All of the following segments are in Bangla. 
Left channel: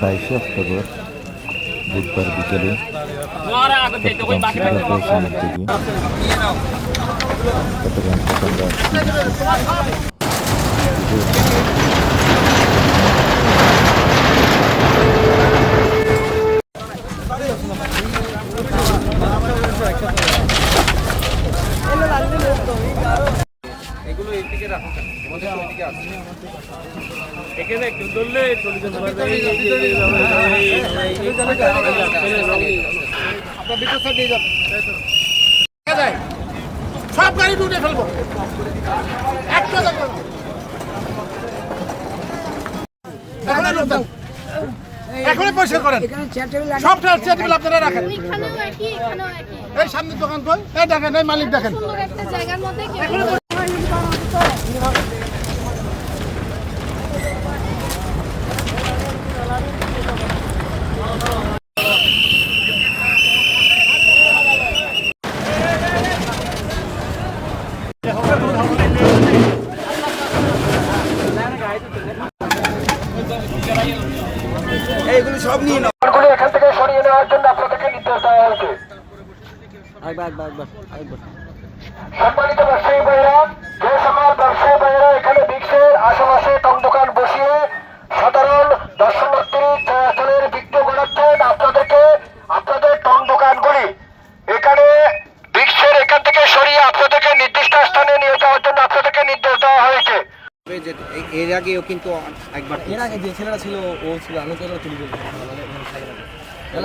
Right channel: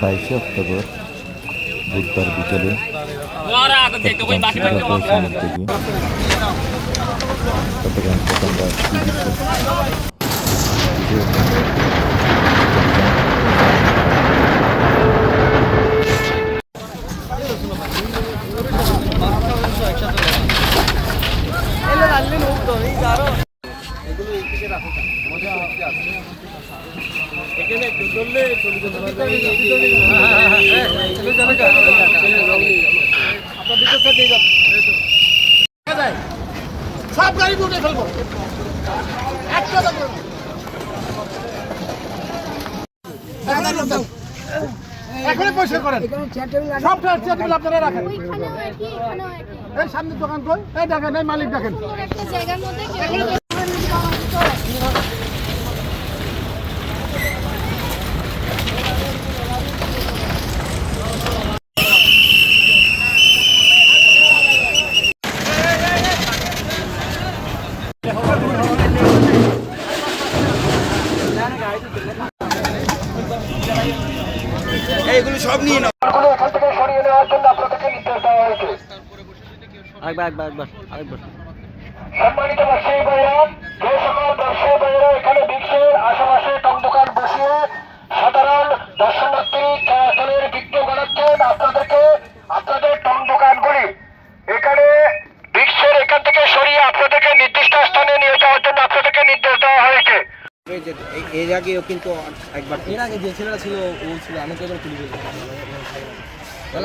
বাইশে অক্টোবর বুধবার বিকেলে চট্টগ্রাম এখানে একটু ধরলে চলে যেতে পারবে আপনার ভিতর সাথে দিয়ে যান সব গাড়ি উঠে ফেলব একটা এখনই পয়সা করেন সব চেয়ার টেবিল আপনারা রাখেন এই সামনে দোকান কই? এই দেখেন এই মালিক দেখেন। এখান থেকে সরিয়ে নেওয়ার জন্য আপনাদেরকে নির্দেশ দেওয়া হয়েছে। আরেকবার একবার একবার আরেকবার। সম্মানিত বিক্সের আশেপাশে টং দোকান বসিয়ে সাধারণ দর্শনার্থী চলাচলের বিঘ্ন ঘটাচ্ছেন আপনাদেরকে, আপনাদের টং দোকানগুলি এখানে বিক্সের এখান থেকে সরিয়ে আপনাদেরকে নির্দিষ্ট স্থানে নিয়ে যাওয়ার জন্য আপনাদেরকে নির্দেশ দেওয়া হয়েছে। এর আগেও কিন্তু একবার এর আগে যে ছেলেটা ছিল, ও ছিল, আমি তো তুলবে।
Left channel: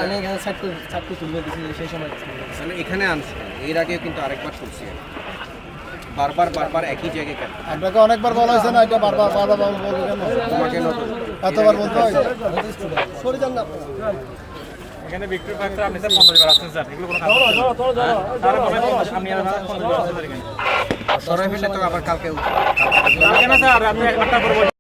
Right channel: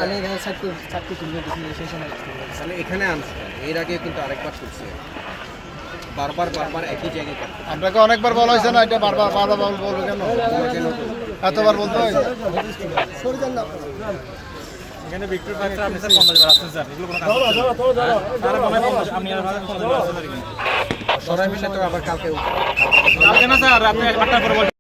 আমি এখানে চারটে চারটে তুলবে, সেই সময়। তাহলে এখানে আনছি। এর আগে কিন্তু আরেকবার করছি বারবার বারবার একই জায়গায় কেন? আপনাকে অনেকবার বলা হয়েছে না এটা বারবার বারবার বলব কেন? তোমাকে এতবার বলতে হয়? এখানে বিক্রি করতে আপনি স্যার পঞ্চাশ বার আসছেন স্যার এগুলো কোনো কাজ তাহলে মনে হয়? আপনি আর সরাই মিলে তো আবার কালকে স্যার